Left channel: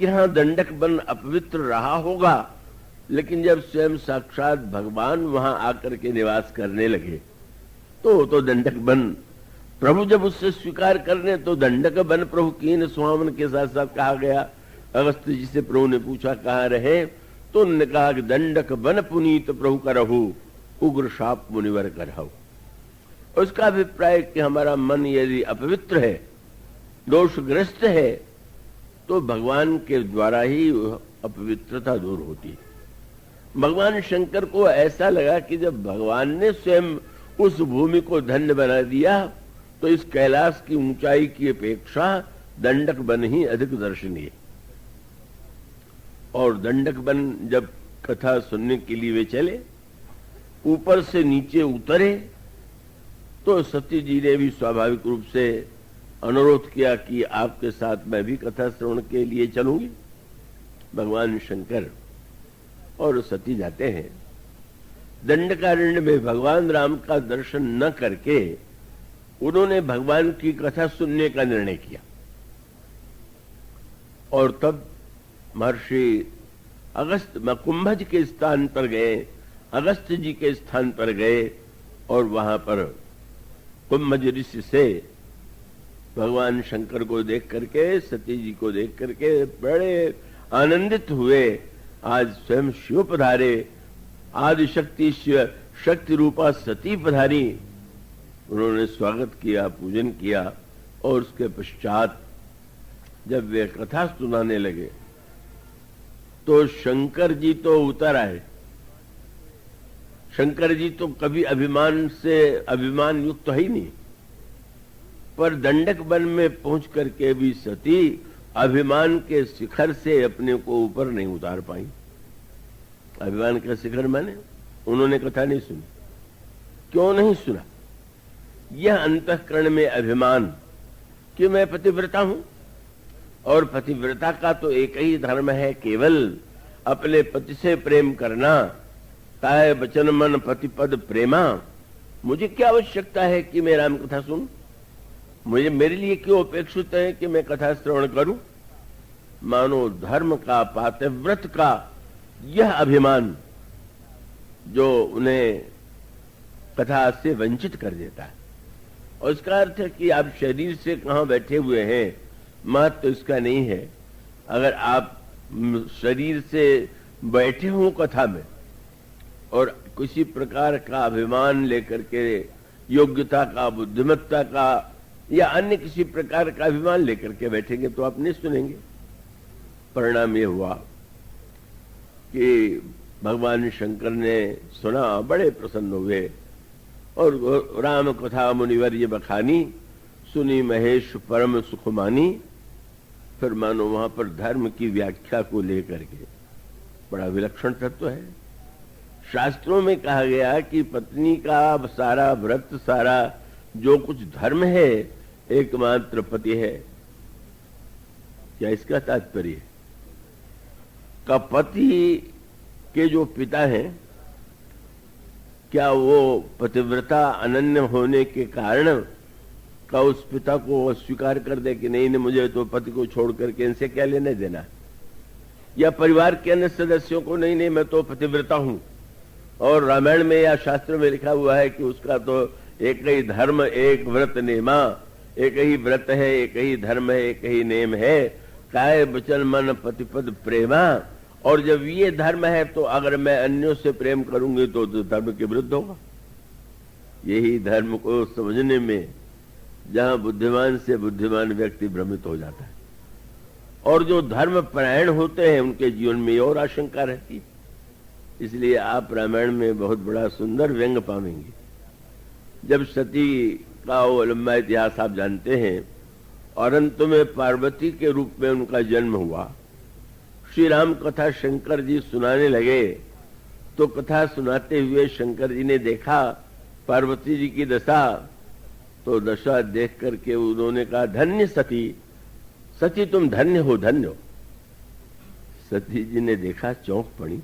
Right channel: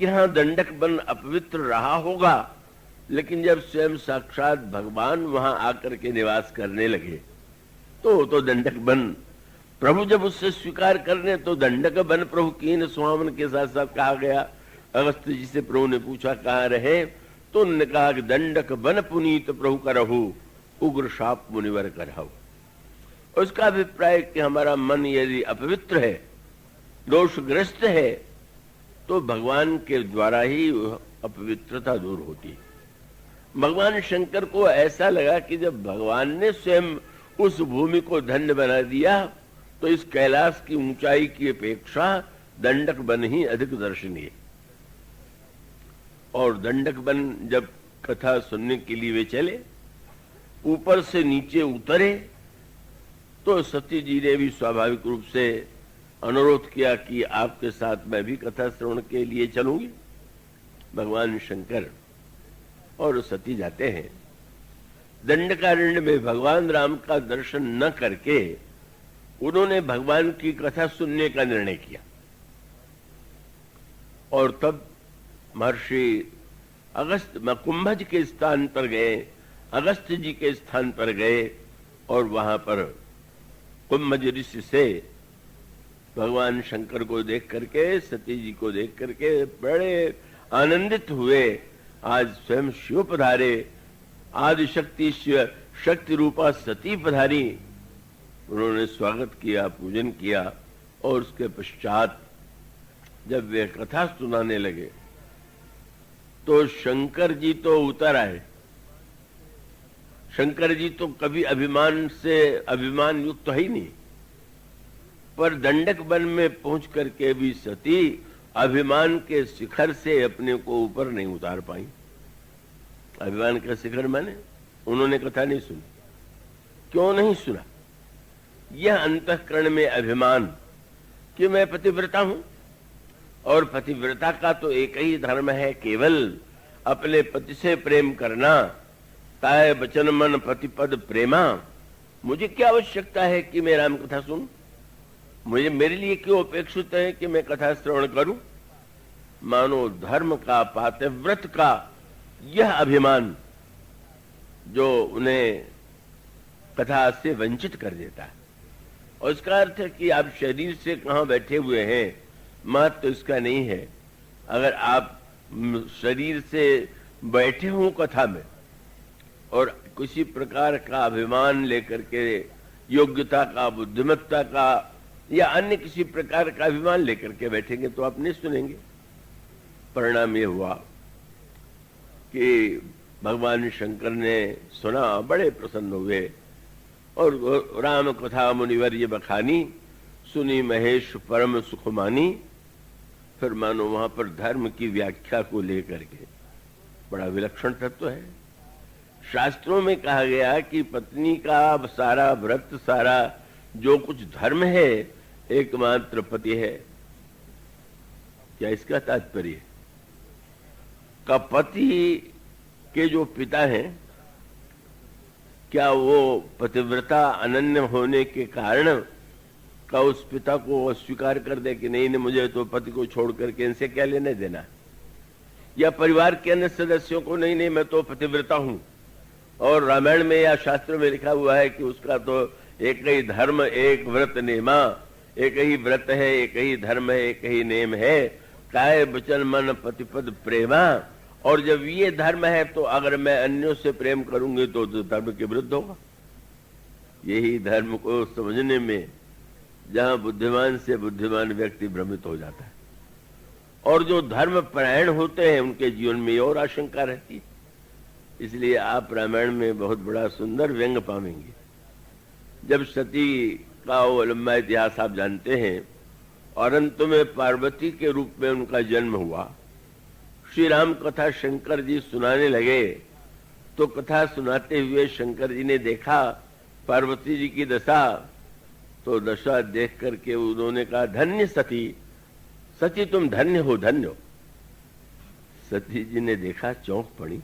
कि हाँ दंडक वन अपवित्र रहा होगा, लेकिन जब स्वयं साक्षात भगवान वहां आकर के निवास करने लगे तो वो तो दंडक वन प्रभु जब उससे स्वीकार करने तो दंडक वन प्रभु कीन स्वामन के साथ साथ कहा गया। अगस्त जी से प्रभु ने पूछा कहाँ रहे, तो उन्होंने कहा कि दंडक वन पुनीत प्रभु करहु, उग्र शाप मुनिवर करहु। और उसका अभिप्राय कि हमारा मन यदि अपवित्र है, दोषग्रस्त है, तो भगवान के द्वारा ही अपवित्रता दूर होती है। भगवान शंकर को ऐसा लगा कि जब भगवान ने स्वयं उस भूमि को धन्य बना दिया तो इस कैलाश की ऊंचाई की अपेक्षा दंडक वन ही अधिक दर्शनीय। और दंडक वन जब कथा सुनने के लिए वे चले, ऊपर से नीचे उतरे, तो सती जी ने भी स्वाभाविक रूप से अनुरोध किया कि आपके साथ मैं भी कथा श्रवण के लिए चलूंगी। भगवान शंकर और सती जाते हैं। दंडकारण्य में भगवान राम का दर्शन न करके उन्होंने भगवान की कथा सुनने का निर्णय किया। और तब महर्षि अगस्त कुंभज के स्थान पर गए, अगस्त जी के स्थान पर गए और वहां पर कुंभज ऋषि से भगवान शंकर को देख करके, सती जी को देख करके बड़े आनंदित हुए। आज स्वयं शिव पधारे, आदिशक्ति शक्ति रूपा सती पधारी। उन्होंने स्वागत किया, पूजन किया और उसके पश्चात जब वे कथा सुनाने लगे तो शंकर जी तो उतर आए। शंकर जी तो कभी अभिमान युक्त तो ही नहीं, पर दंडक वन में पहुंच करके भी सती अभिमान के शिखर से अपने को ऊपर नहीं उतार पाई। अभिमान का शिखर माने उन्होंने कथा नहीं सुनी। क्यों नहीं सुना? यह अंतःकरण में अभिमान कि मैं पतिव्रता हूं, और पतिव्रता का तो एक ही धर्म है, केवल अपने पति से प्रेम करना। ताय बचन मन पतिपद प्रेमा। मुझे क्या आवश्यकता है कि मैं राम कथा सुनूं? मेरे लिए क्यों अपेक्षित है कि मैं कथा श्रवण करूं? मानो धर्म का, पातिव्रत का यह अभिमान जो उन्हें कथा से वंचित कर देता है। और इसका अर्थ है कि आप शरीर से कहां बैठे हुए हैं, महत्व तो इसका नहीं है। अगर आप शरीर से बैठे हो कथा में और किसी प्रकार का अभिमान लेकर के, योग्यता का, बुद्धिमत्ता का या अन्य किसी प्रकार का अभिमान लेकर के बैठेंगे तो आप नहीं सुनेंगे। परिणाम ये हुआ कि भगवान शंकर ने सुना, बड़े प्रसन्न हुए और राम कथा मुनिवर ये बखानी, सुनी महेश परम सुख मानी। फिर मानो वहां पर धर्म की व्याख्या को लेकर के बड़ा विलक्षण तत्व है। शास्त्रों में कहा गया कि पत्नी का सारा व्रत, सारा जो कुछ धर्म है, एकमात्र पति है। क्या इसका तात्पर्य? का पति के जो पिता हैं, क्या वो पतिव्रता अनन्य होने के कारण का उस पिता को अस्वीकार कर दे कि नहीं मुझे तो पति को छोड़ करके इनसे क्या लेने देना? या परिवार के अन्य सदस्यों को नहीं मैं तो पतिव्रता हूं, और रामायण में या शास्त्र में लिखा हुआ है कि उसका तो एक ही धर्म, एक व्रत नेमा, एक ही व्रत है, एक ही धर्म है, एक ही नेम है, काय वचन मन पतिपद प्रेमा। और जब ये धर्म है तो अगर मैं अन्यों से प्रेम करूंगी तो धर्म के विरुद्ध होगा। यही धर्म को समझने में जहां बुद्धिमान से बुद्धिमान व्यक्ति भ्रमित हो जाता है, और जो धर्म परायण होते हैं उनके जीवन में और आशंका रहती है। इसलिए आप रामायण में बहुत बड़ा सुंदर व्यंग पाएंगे। जब सती का वो लंबा इतिहास आप जानते हैं, और अंत में पार्वती के रूप में उनका जन्म हुआ। श्री राम कथा शंकर जी सुनाने लगे तो कथा सुनाते हुए शंकर जी ने देखा पार्वती जी की दशा, तो दशा देख करके उन्होंने कहा धन्य सती, सती तुम धन्य हो, धन्य हो। सती जी ने देखा, चौंक पड़ी,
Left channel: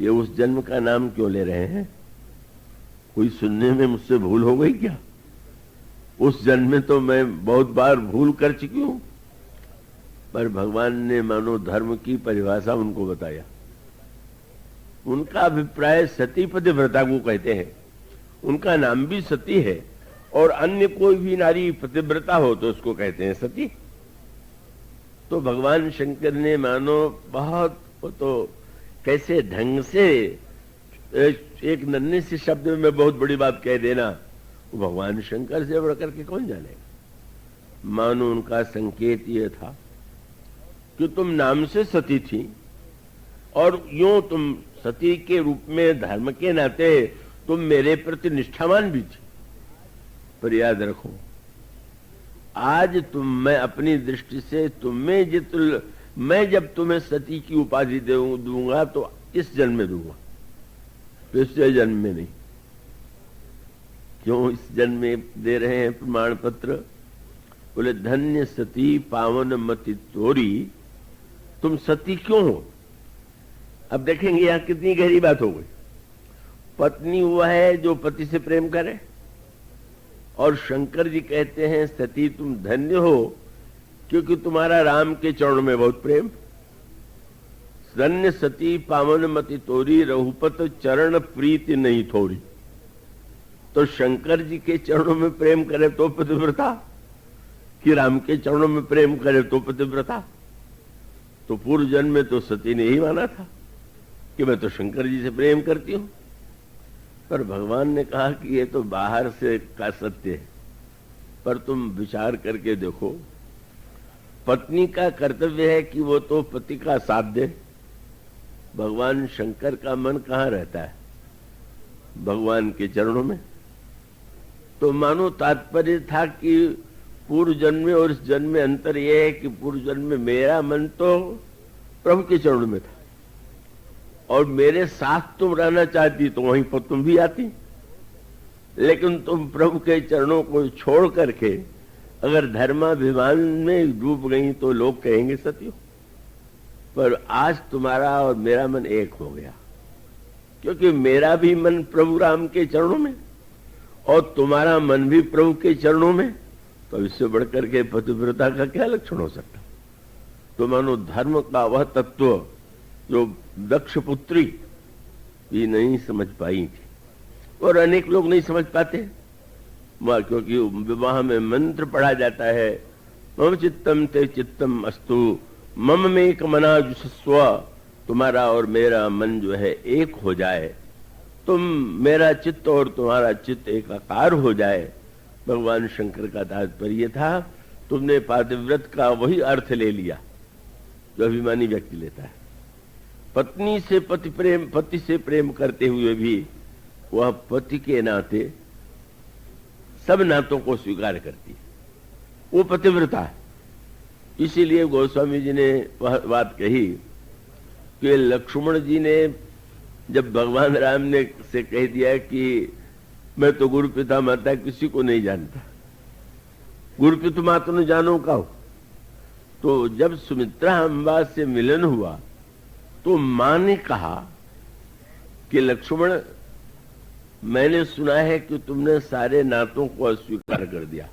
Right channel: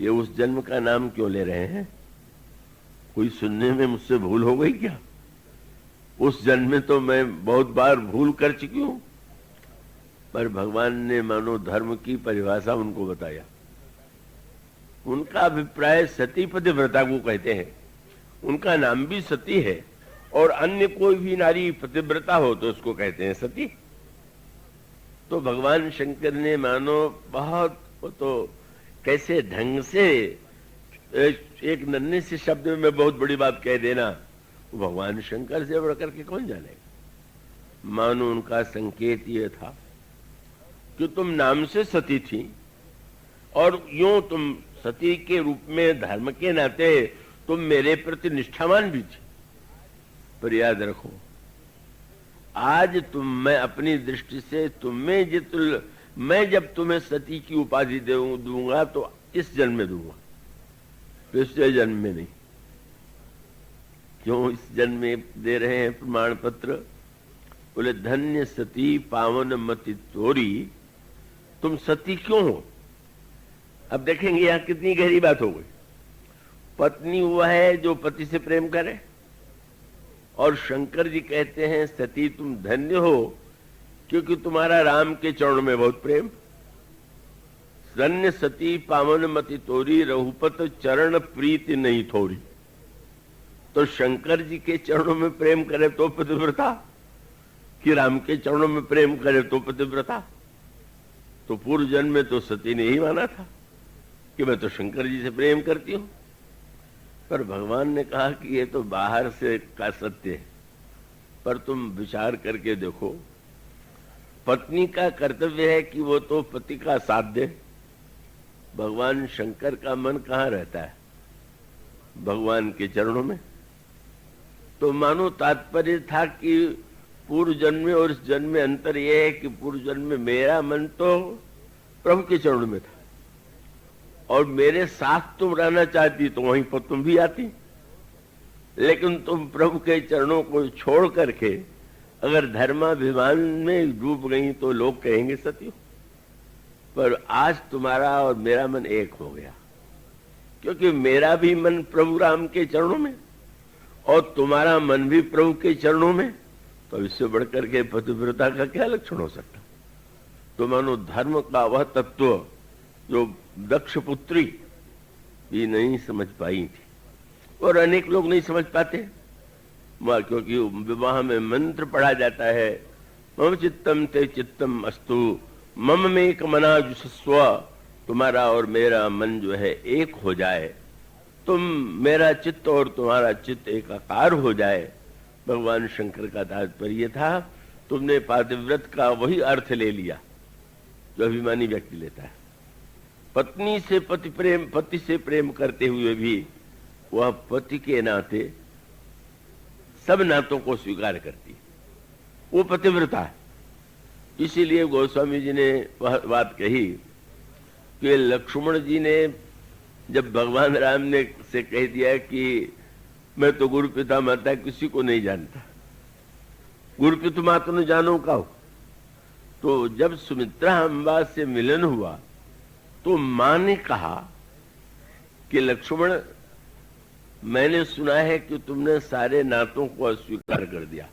ये उस जन्म का नाम क्यों ले रहे हैं? कोई सुनने में मुझसे भूल हो गई क्या? उस जन्म में तो मैं बहुत बार भूल कर चुकी हूं। पर भगवान ने मानो धर्म की परिभाषा उनको बताया। उनका अभिप्राय सती पतिव्रता को कहते हैं, उनका नाम भी सती है, और अन्य कोई भी नारी पतिव्रता हो तो उसको कहते हैं सती। तो भगवान शंकर ने मानो बहुत तो कैसे ढंग से एक नन्हे से शब्द में बहुत बड़ी बात कह देना, वो भगवान शंकर से बढ़कर के कौन जाने। मानो उनका संकेत ये था कि तुम नाम से सती थी और यूं तुम सती के रूप में धर्म के नाते तुम मेरे प्रति निष्ठावान भी थी। पर याद रखो, आज मैं अपनी दृष्टि से मैं जब तुम्हें सती की उपाधि दूंगा तो इस जन्म में दूंगा, पिछले जन्म में नहीं। क्यों इस जन्म में दे रहे हैं प्रमाण पत्र? बोले धन्य सती पावन मति तोरी, तुम सती क्यों हो? अब देखेंगे यहां कितनी गहरी बात हो गई। पत्नी हुआ है जो पति से प्रेम करे, और शंकर जी कहते हैं सती तुम धन्य हो क्योंकि तुम्हारा राम के चरणों में बहुत प्रेम। धन्य सती पावन मति तोरी, रघुपत चरण प्रीति नहीं थोड़ी। तो शंकर जी के चरणों में प्रेम करे तो पतिव्रता, कि राम के चरणों में प्रेम करे तो पतिव्रता। तो पूर्व जन्म में तो सती ने ही माना था कि मैं तो शंकर जी से प्रेम करती हूं। पर भगवान ने कहा कि ये तो बाहर से का सत्य है, पर तुम विचार करके देखो, पत्नी का कर्तव्य है कि वो तो पति का साथ दे। भगवान शंकर का मन कहां रहता है? भगवान के चरणों में। तो मानो तात्पर्य था कि पूर्व जन्म में और इस जन्म में अंतर यह है कि पूर्व जन्म में मेरा मन तो प्रभु के चरणों में था, और मेरे साथ तुम रहना चाहती तो वहीं पर तुम भी आती, लेकिन तुम प्रभु के चरणों को छोड़ करके अगर धर्माभिमान में डूब गई तो लोग कहेंगे सती हो। पर आज तुम्हारा और मेरा मन एक हो गया, क्योंकि मेरा भी मन प्रभु राम के चरणों में और तुम्हारा मन भी प्रभु के चरणों में। तो इससे बढ़कर के पतिव्रता का क्या लक्षण हो सकता? तो मानो धर्म का वह तत्व जो दक्ष पुत्री ये नहीं समझ पाई थी, और अनेक लोग नहीं समझ पाते, क्योंकि विवाह में मंत्र पढ़ा जाता है, मम चित्तम ते चित्तम अस्तु मम में कमना जुस्व, तुम्हारा और मेरा मन जो है एक हो जाए, तुम मेरा चित्त और तुम्हारा चित्त एकाकार हो जाए। भगवान शंकर का तात्पर्य था तुमने पातिव्रत का वही अर्थ ले लिया जो अभिमानी व्यक्ति लेता है। पत्नी से पति से प्रेम करते हुए भी वह पति के नाते सब नातों को स्वीकार करती है, वो पतिव्रता। इसीलिए गोस्वामी जी ने वह बात कही कि लक्ष्मण जी ने जब भगवान राम ने से कह दिया कि मैं तो गुरु पिता माता किसी को नहीं जानता, गुरु पिता माता ने जानो का हो, तो जब सुमित्रा अम्बा से मिलन हुआ तो मां ने कहा कि लक्ष्मण, मैंने सुना है कि तुमने सारे नातों को अस्वीकार कर दिया,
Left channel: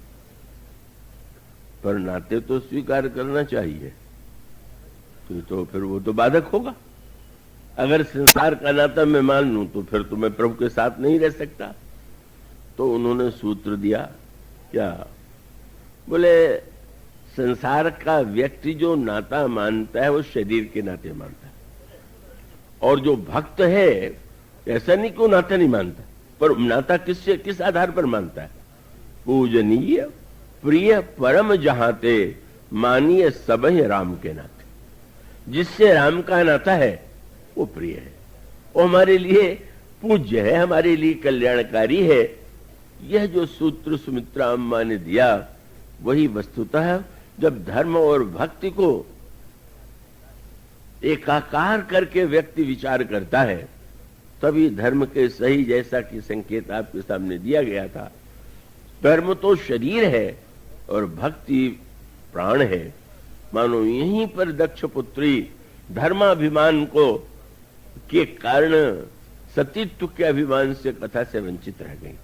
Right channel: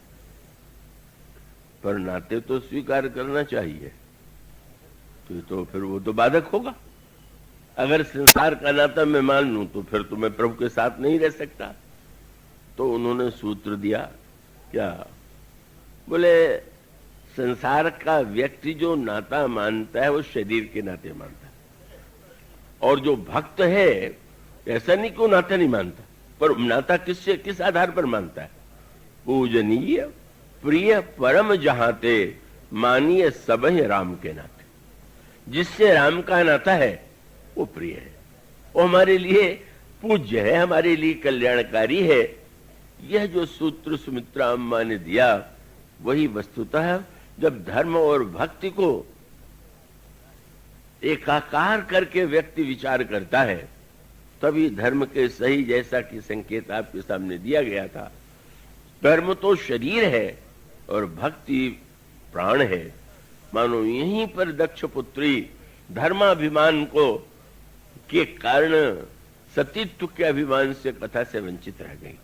पर नाते तो स्वीकार करना चाहिए। तो फिर वो तो बाधक होगा। अगर संसार का नाता मैं मान लूं तो फिर तो मैं प्रभु के साथ नहीं रह सकता। तो उन्होंने सूत्र दिया, क्या बोले, संसार का व्यक्ति जो नाता मानता है वो शरीर के नाते मानता है, और जो भक्त है ऐसा नहीं कि वो नाता नहीं मानता, पर नाता किस आधार पर मानता है? पूजनीय प्रिय परम जहाते मानिए सबहि राम के नाते। जिससे राम का नाता है वो प्रिय है, वो हमारे लिए पूज्य है, हमारे लिए कल्याणकारी है। यह जो सूत्र सुमित्रा अम्मा ने दिया वही वस्तुतः जब धर्म और भक्ति को एकाकार करके व्यक्ति विचार करता है तभी धर्म के सही, जैसा कि संकेत आपके सामने दिया गया था, धर्म तो शरीर है और भक्ति प्राण है। मानो यहीं पर दक्ष पुत्री धर्माभिमान को के कारण सतीत्व के अभिमान से कथा से वंचित रह गई।